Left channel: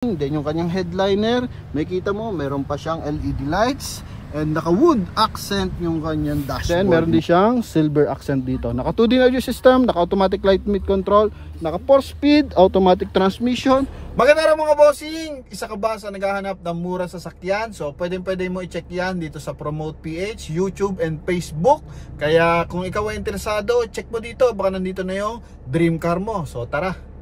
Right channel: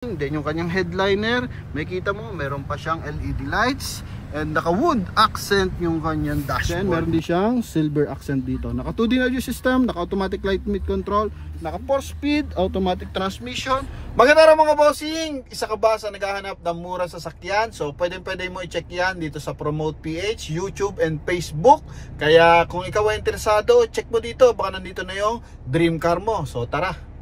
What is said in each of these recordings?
Then yung kanyang headliner, may kita mo, meron pa siyang LED lights. And naka wood accent yung kanyang dashboard. Then meron din siyang silver accent dito. Naka 2D audio system, naka automatic light mid control, naka 4-speed automatic transmission. Maganda mga bossing, isa ka ba sa naghahanap ng mura sasakyan? So pwede mo i-check yan dito sa Promote PH, YouTube and Facebook. Kaya kung ikaw ay interesado, check mo dito, baka nandito na yung dream car mo. So tara.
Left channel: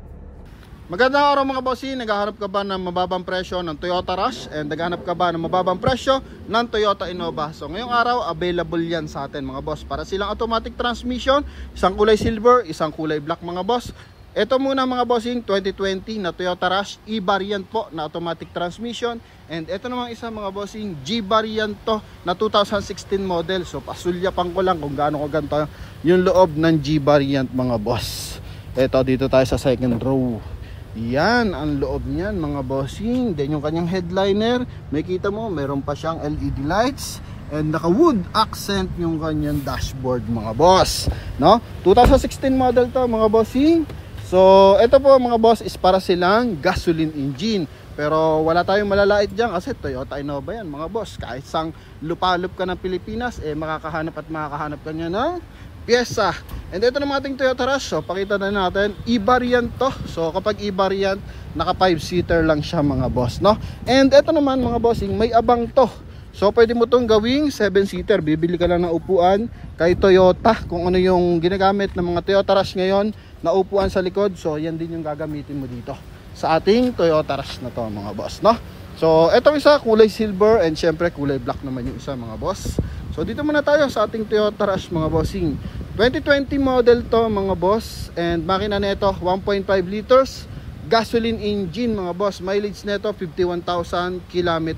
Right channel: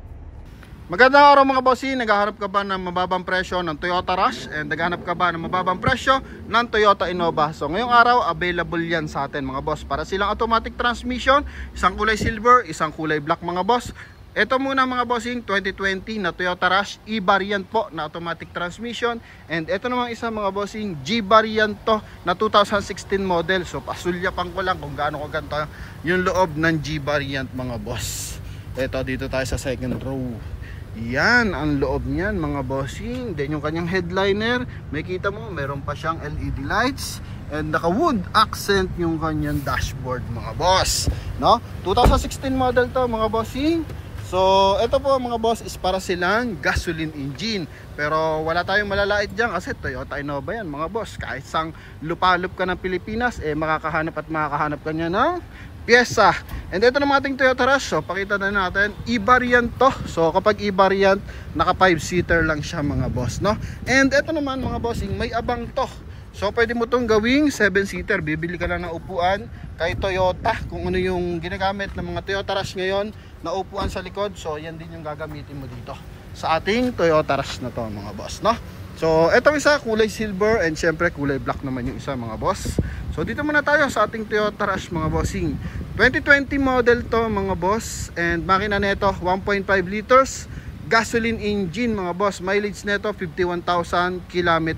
Magandang araw mga bossing, naghahanap ka ba ng mababang presyo ng Toyota Rush and naghahanap ka ba ng mababang presyo ng Toyota Innova? So ngayong araw available yan sa atin mga boss. Para silang automatic transmission, isang kulay silver, isang kulay black mga boss. Ito muna mga bossing, 2020 na Toyota Rush E-variant po na automatic transmission. And ito namang isa mga bossing, G-variant to na 2016 model. So pasulyapan ko lang kung gaano ko ganito yung loob ng G-variant mga boss. Ito dito tayo sa second row. Yan ang loob niyan mga bossing. Then yung kanyang headliner, may kita mo, meron pa siyang LED lights. And naka wood accent yung kanyang dashboard mga boss, no? 2016 model to mga bossing. So ito po mga boss is para silang gasoline engine. Pero wala tayong malalait dyan kasi Toyota Innova yan mga boss. Kahit sang lupalop ka ng Pilipinas, makakahanap ka niya ng pyesa. And ito naman ating Toyota Rush. So pakita na natin, E-variant to. So kapag E-variant, naka 5-seater lang siya mga boss, no? And ito naman mga bossing, may abang to. So pwede mo tong gawing 7-seater. Bibili ka lang ng upuan kay Toyota, kung ano yung ginagamit ng mga Toyota Rush ngayon na upuan sa likod. So yan din yung gagamitin mo dito sa ating Toyota Rush na to mga boss, no? So itong isa kulay silver and syempre kulay black naman yung isa mga boss. So dito muna tayo sa ating Toyota Rush mga bossing. 2020 model to mga boss. And makina nito 1.5 liters gasoline engine mga boss. Mileage nito 51,000 km.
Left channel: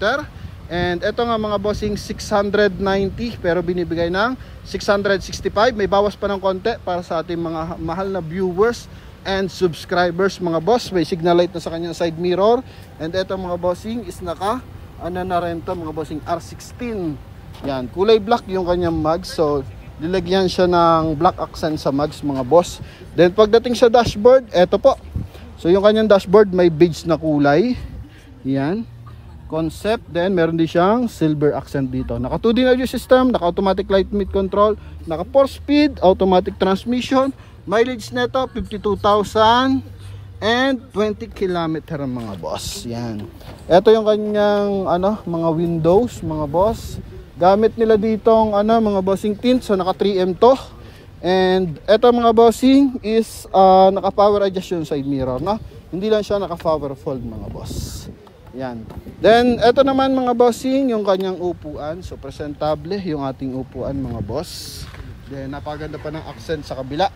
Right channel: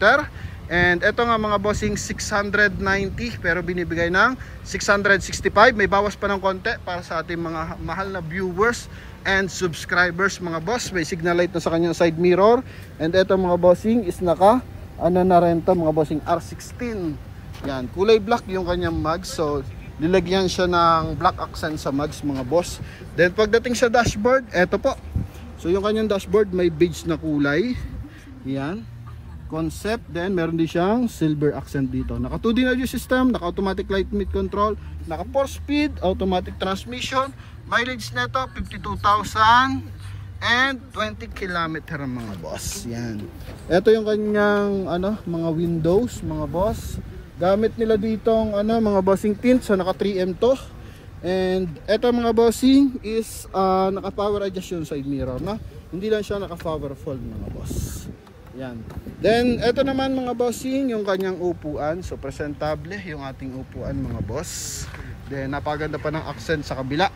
And ito nga mga bossing 690 pero binibigay ng 665. May bawas pa ng konti para sa ating mga mahal na viewers and subscribers mga boss. May signal light na sa kanyang side mirror. And ito mga bossing is naka ano na rin to mga bossing R16. Yan, kulay black yung kanyang mags. So nilagyan siya ng black accent sa mags mga boss. Then pagdating sa dashboard, eto po. So yung kanyang dashboard may beige na kulay. Yan, concept. Then meron din siyang silver accent dito. Naka 2D audio system, naka automatic light mid control, naka 4-speed automatic transmission. Mileage nito 52,000 and 20 km mga boss. Yan. Ito yung kanyang mga windows mga boss. Gamit nila ditong mga bossing tint. So naka 3M to. And ito mga bossing is naka power adjust yung side mirror, no? Hindi lang siya naka power fold mga boss. Yan. Then ito naman mga bossing yung kanyang upuan. So presentable yung ating upuan mga boss. Then napaganda pa ng accent sa kabila.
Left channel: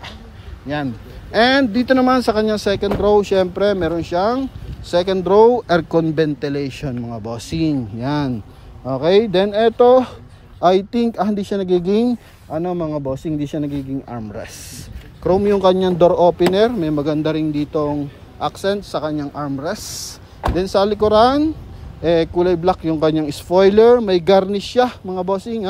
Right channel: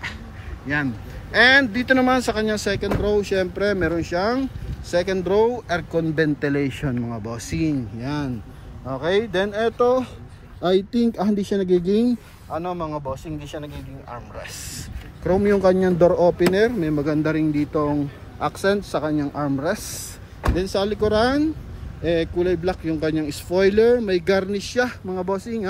Yan. And dito naman sa kanyang second row, syempre meron siyang second row aircon ventilation mga bossing. Yan. Okay, then ito I think hindi siya nagiging mga bossing, hindi siya nagiging armrest. Chrome yung kanyang door opener, may maganda ring ditong accent sa kanyang armrest. Then sa likuran, kulay black yung kanyang spoiler, may garnish siya mga bossing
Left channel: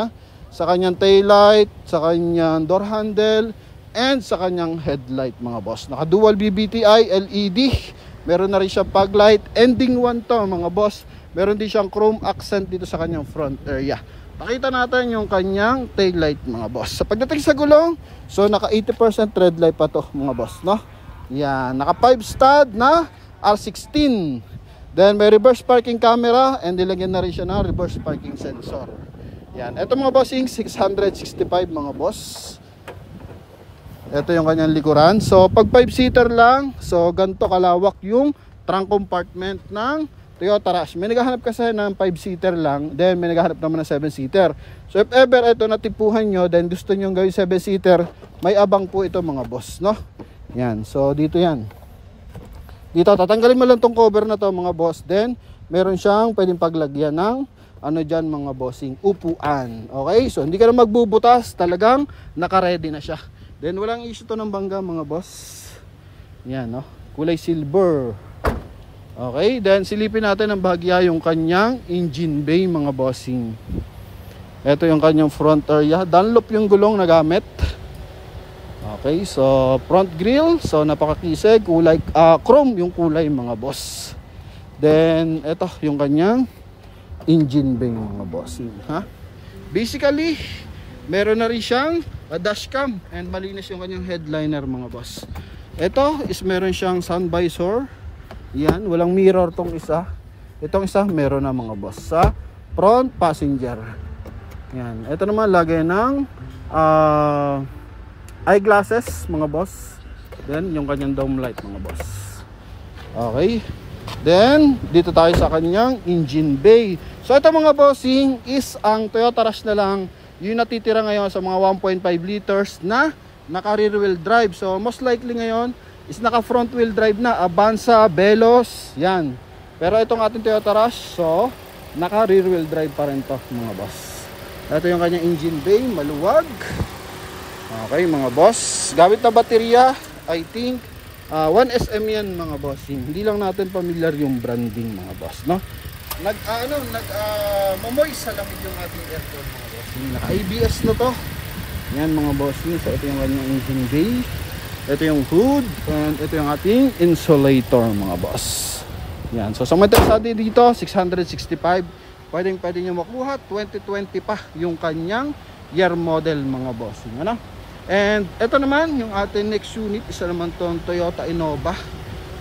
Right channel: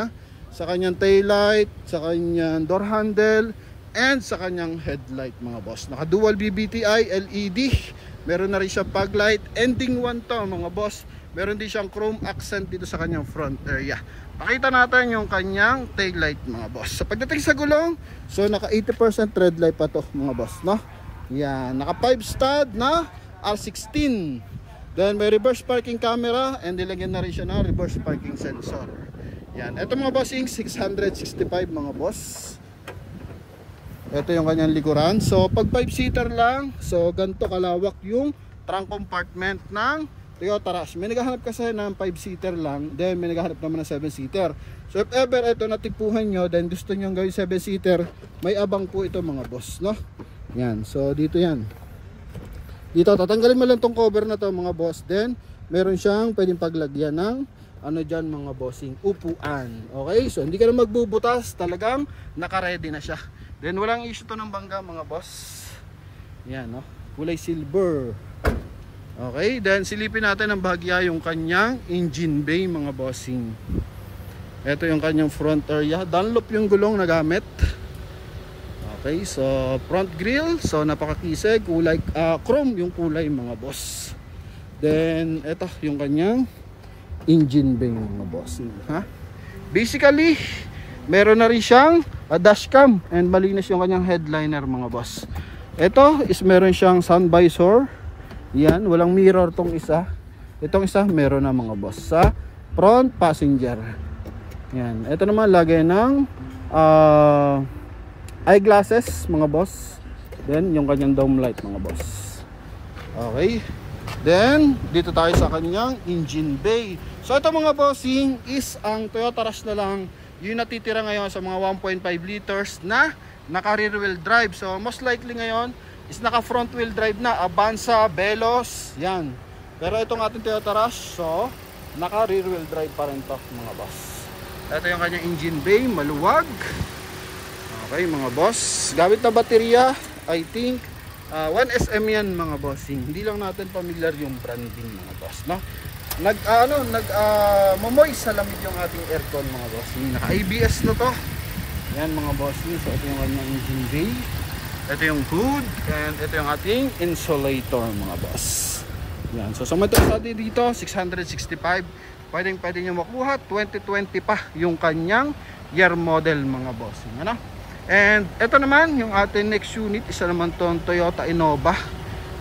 sa kanyang tail light, sa kanyang door handle, and sa kanyang headlight mga boss. Naka dual BBTI LED, meron na rin siya fog light, ending 1 to mga boss. Meron din siyang chrome accent dito sa kanyang front area. Pakita natin yung kanyang tail light mga boss. Sa pagdating sa gulong, so naka 80% red light pa to mga boss, no? Yan, naka 5 stud na R16. Then may reverse parking camera and nilagyan na rin siya ng reverse parking sensor. Yan, ito mga bossing 665 mga boss. Ito yung kanyang likuran. So pag 5-seater lang, so ganito kalawak yung trunk compartment ng Toyota Rush. May naghahanap kasi ng 5-seater lang, then may naghahanap naman ng 7-seater. So if ever ito natipuhan nyo, then gusto nyo gawin 7-seater, may abang po ito mga boss, no? Yan, so dito yan. Dito, tatanggalin mo lang tong cover na to mga boss. Then, meron siyang pwedeng paglagyan ng dyan mga bossing, upuan. Okay, so hindi ka na magbubutas, talagang naka-ready na siya. Then walang issue to ng bangga mga boss. Yan, no? Kulay silver. Okay, then silipin natin ang bahagya yung kanyang engine bay mga bossing. Ito yung kanyang front area. Dunlop yung gulong na gamit. Okay, so front grille. So napakakisig. Kulay, chrome yung kulay mga boss. Then ito yung kanyang engine bay mga bossing, ha. Basically meron na rin siyang dashcam and malinis yung kanyang headliner mga boss. Ito is meron siyang sun visor. Yan, walang mirror tong isa. Itong isa meron na mga boss sa front passenger. Yan, ito naman lagay ng eyeglasses mga boss. Then yung kanyang dome light mga boss. Okay. Then dito tayo sa kanyang engine bay. So ito mga bossing is ang Toyota Rush na lang yung natitira ngayon sa mga 1.5 liters na naka rear wheel drive. So most likely ngayon is naka front wheel drive na, Avanza, Veloz, yan. Pero itong ating Toyota Rush, so naka rear wheel drive pa rin to mga boss. Ito yung kanyang engine bay, maluwag. Okay mga boss, gamit na baterya, I think 1SM yan mga boss. Hindi lang natin familiar yung branding mga boss, no? Mamoy sa lamig yung ating aircon mga boss. Naka ABS na to. Yan mga boss. So ito yung kanyang engine bay. Ito yung hood and ito yung ating insulator mga boss. Yan. So sa mga interesado dito, 665. Pwede nyo makuha. 2020 pa yung kanyang year model mga boss. Ano? And ito naman yung ating next unit. Isa naman tong Toyota Innova.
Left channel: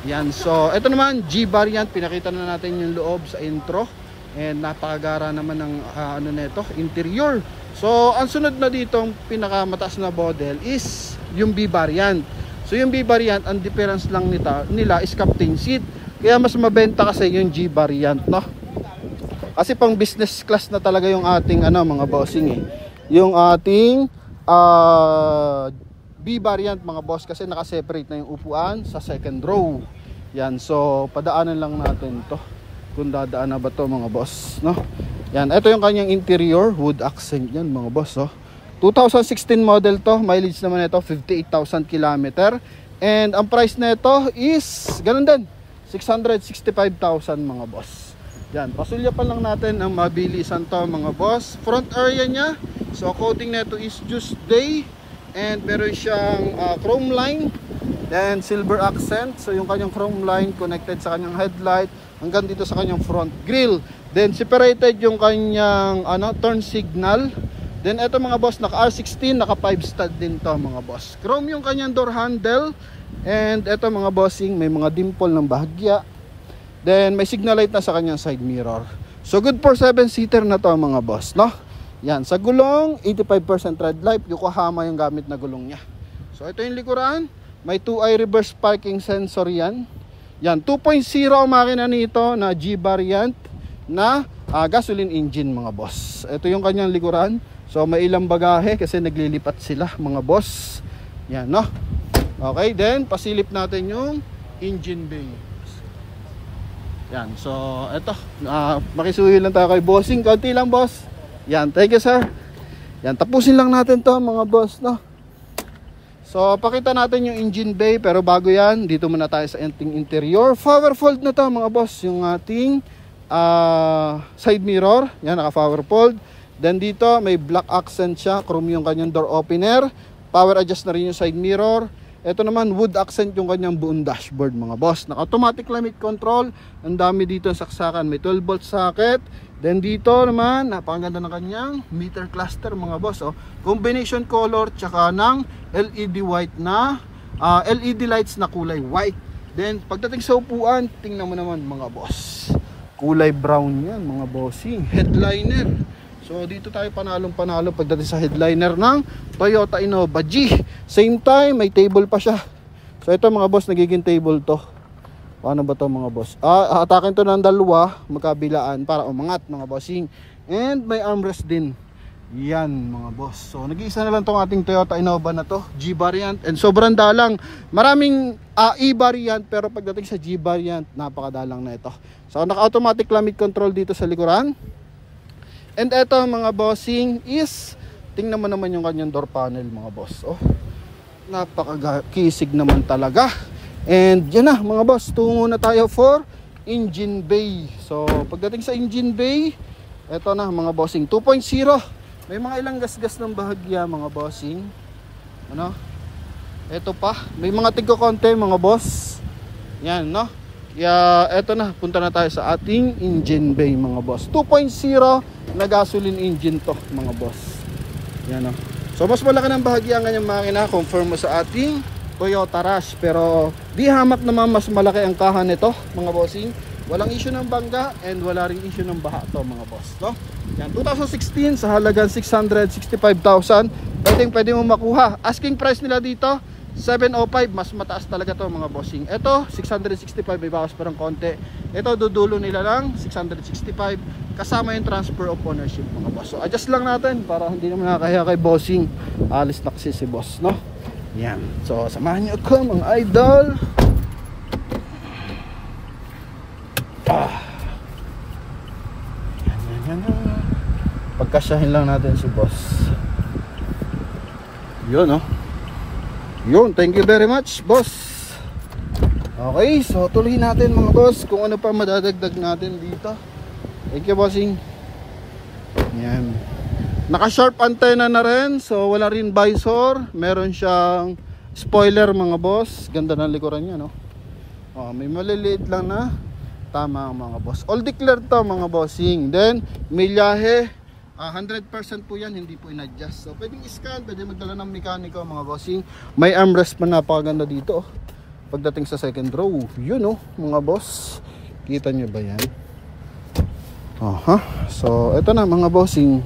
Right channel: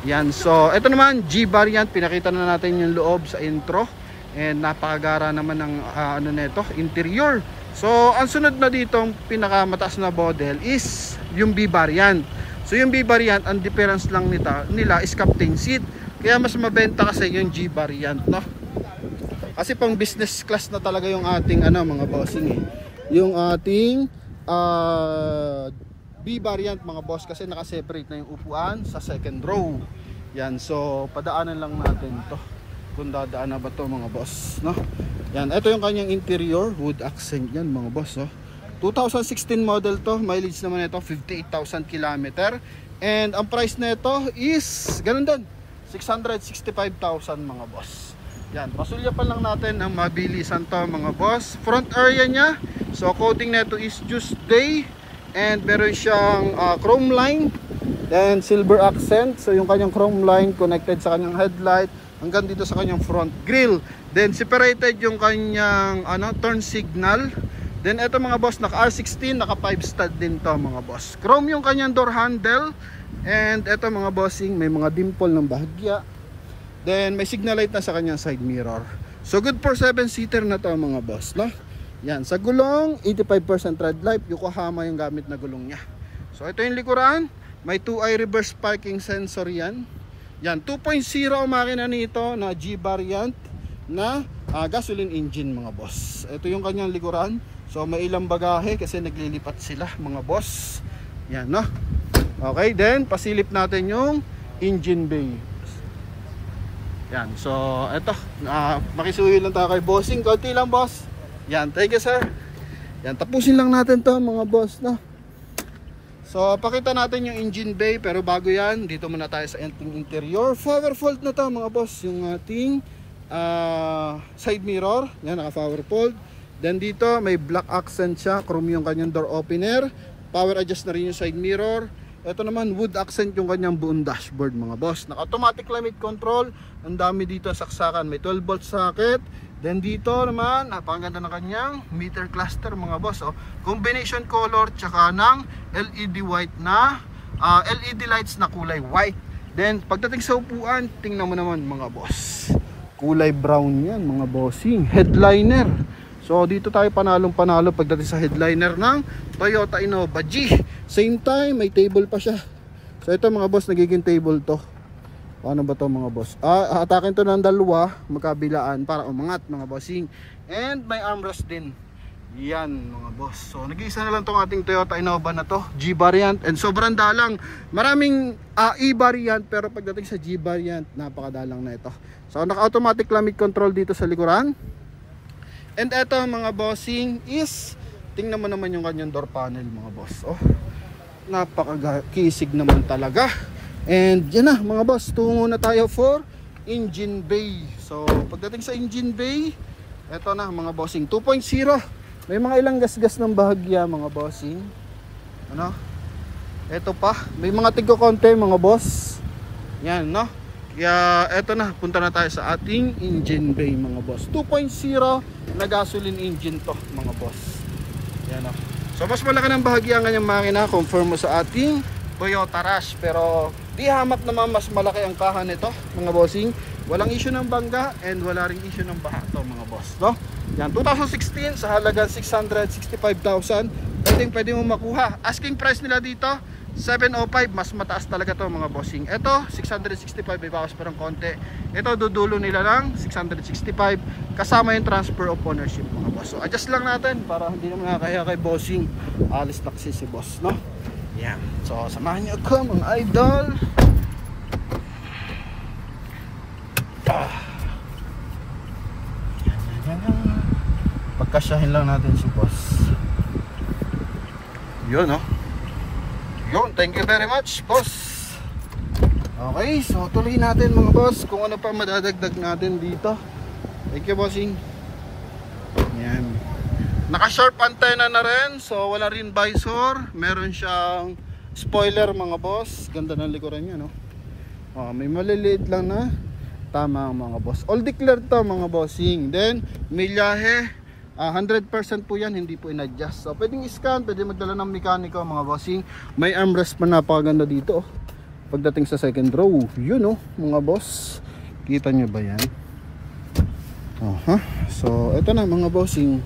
Yan, so ito naman G variant, pinakita na natin yung loob sa intro and napakagara naman ng nito, interior. So ang sunod na dito, pinakamataas na model is yung B variant. So yung B variant, ang difference lang nila is captain seat. Kaya mas mabenta kasi yung G variant, no? Kasi pang business class na talaga yung ating mga bossing yung ating B variant mga boss, kasi naka-separate na yung upuan sa second row. Yan, so padaanan lang natin to kung dadaan na ba to mga boss, no? Yan, ito yung kanyang interior, wood accent yan mga boss, oh. 2016 model to, mileage naman ito 58,000 km. And ang price na ito is ganun din, 665,000 mga boss. Yan, pasulyapan lang natin ang mabilisan to mga boss. Front area nya, so coating na ito is just bay. And meron siyang chrome line, then silver accent. So yung kanyang chrome line connected sa kanyang headlight hanggang dito sa kanyang front grille. Then separated yung kanyang turn signal. Then ito mga boss, naka R16, naka 5 stud din to mga boss. Chrome yung kanyang door handle. And ito mga bossing, may mga dimple ng bahagya. Then may signal light na sa kanyang side mirror. So good for 7-seater na to mga boss, no? Yan, sa gulong, 85% red light, Yokohama yung gamit na gulong niya. So ito yung likuran, may 2i reverse parking sensor yan. Yan, 2.0 ang makina nito na G variant na gasoline engine mga boss. Ito yung kanyang likuran. So may ilang bagahe kasi naglilipat sila mga boss. Yan, no? Okay, then pasilip natin yung engine bay. Yan, so ito, makisuyo lang tayo kay bossing, konti lang boss. Yan, thank you sir. Yan, tapusin lang natin to mga boss, no? So pakita natin yung engine bay, pero bago yan, dito muna tayo sa interior. Power fold na to mga boss, yung ating side mirror. Yan, naka power fold. Then dito may black accent siya, chrome yung kanyang door opener. Power adjust na rin yung side mirror. Ito naman wood accent yung kanyang buong dashboard mga boss. Naka automatic climate control. Ang dami dito sa saksakan, may 12 volt socket. Then dito naman, napakaganda na kanyang meter cluster mga boss, oh. Combination color tsaka ng LED white na LED lights na kulay white. Then pagdating sa upuan, tingnan mo naman mga boss, kulay brown yan mga bossing. Headliner, so dito tayo panalo pagdating sa headliner ng Toyota Innova G. Same time, may table pa siya. So ito mga boss, nagiging table to. Paano ba to mga boss? Atakin to ng dalawa, magkabilaan para umangat mga bossing. And may armrest din. Yan mga boss. So nag-iisa na lang tong ating Toyota Innova na to, G variant. And sobrang dalang. Maraming E variant, pero pagdating sa G variant, napakadalang na ito. So naka-automatic climate control dito sa likuran. And ito mga bossing is, tingnan mo naman yung kanyang door panel mga boss. Oh, napakakisig naman talaga. And yan na mga boss, tungo na tayo for engine bay. So pagdating sa engine bay, eto na mga bossing, 2.0. May mga ilang gasgas ng bahagya mga bossing. Ano? Eto pa, may mga tigko konti mga boss. Yan, no? Kaya eto na, punta na tayo sa ating engine bay mga boss. 2.0 na gasoline engine to mga boss. Yan o. So mas malaki ng bahagi ang kanyang makina confirm mo sa ating Toyota Rush. Pero di hamak naman mas malaki ang kahan nito mga bossing. Walang issue ng bangga and wala ring issue ng baha to mga boss. No? Yan, 2016 sa halagang 665,000. Pwede mo makuha. Asking price nila dito 705, mas mataas talaga to mga bossing. Ito 665, may bawas parang konti. Ito dudulo nila lang 665 kasama yung transfer of ownership mga boss. So adjust lang natin para hindi naman nakakahiya kay bossing. Alis na kasi si boss, no? Yan. So samahan niyo ako mga idol. Pagkasyahin lang natin si boss. Yun, no? Yun, thank you very much boss. Okay, so tuloy natin mga boss kung ano pa madadagdag natin dito. Thank you bossing. Yan. Naka sharp antenna na rin. So wala rin visor. Meron siyang spoiler mga boss. Ganda ng likuran niya, no? May maliliit lang na tama mga boss. All declared to mga bossing. Then milyahe 100% po yan, hindi po in-adjust. So pwedeng i-scan, pwede magdala ng mekaniko mga bossing. May armrest pa, napakaganda dito pagdating sa second row. Yun oh mga boss, kita nyo ba yan? So ito na mga bossing.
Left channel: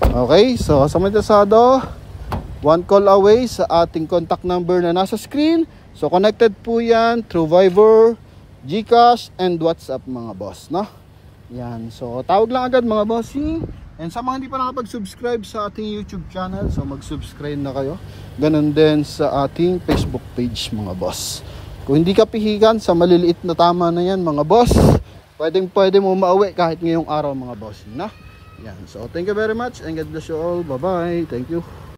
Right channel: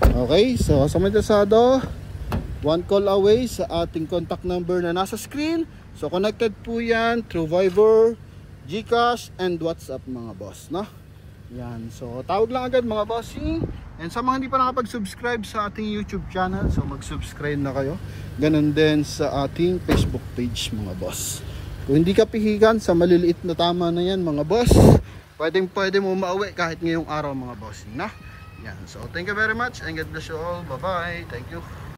Okay, so sa may interesado, one call away sa ating contact number na nasa screen. So connected po yan through Viber, GCash and WhatsApp mga boss, no? Yan, so tawag lang agad mga bossing. And sa mga hindi pa nakapag-subscribe sa ating YouTube channel, so mag-subscribe na kayo. Ganun din sa ating Facebook page mga boss. Kung hindi ka pihigan sa maliliit na tama na yan mga boss, pwede mo mauwi kahit ngayong araw mga bossing, na? Yan, so thank you very much and God bless you all. Bye bye, thank you.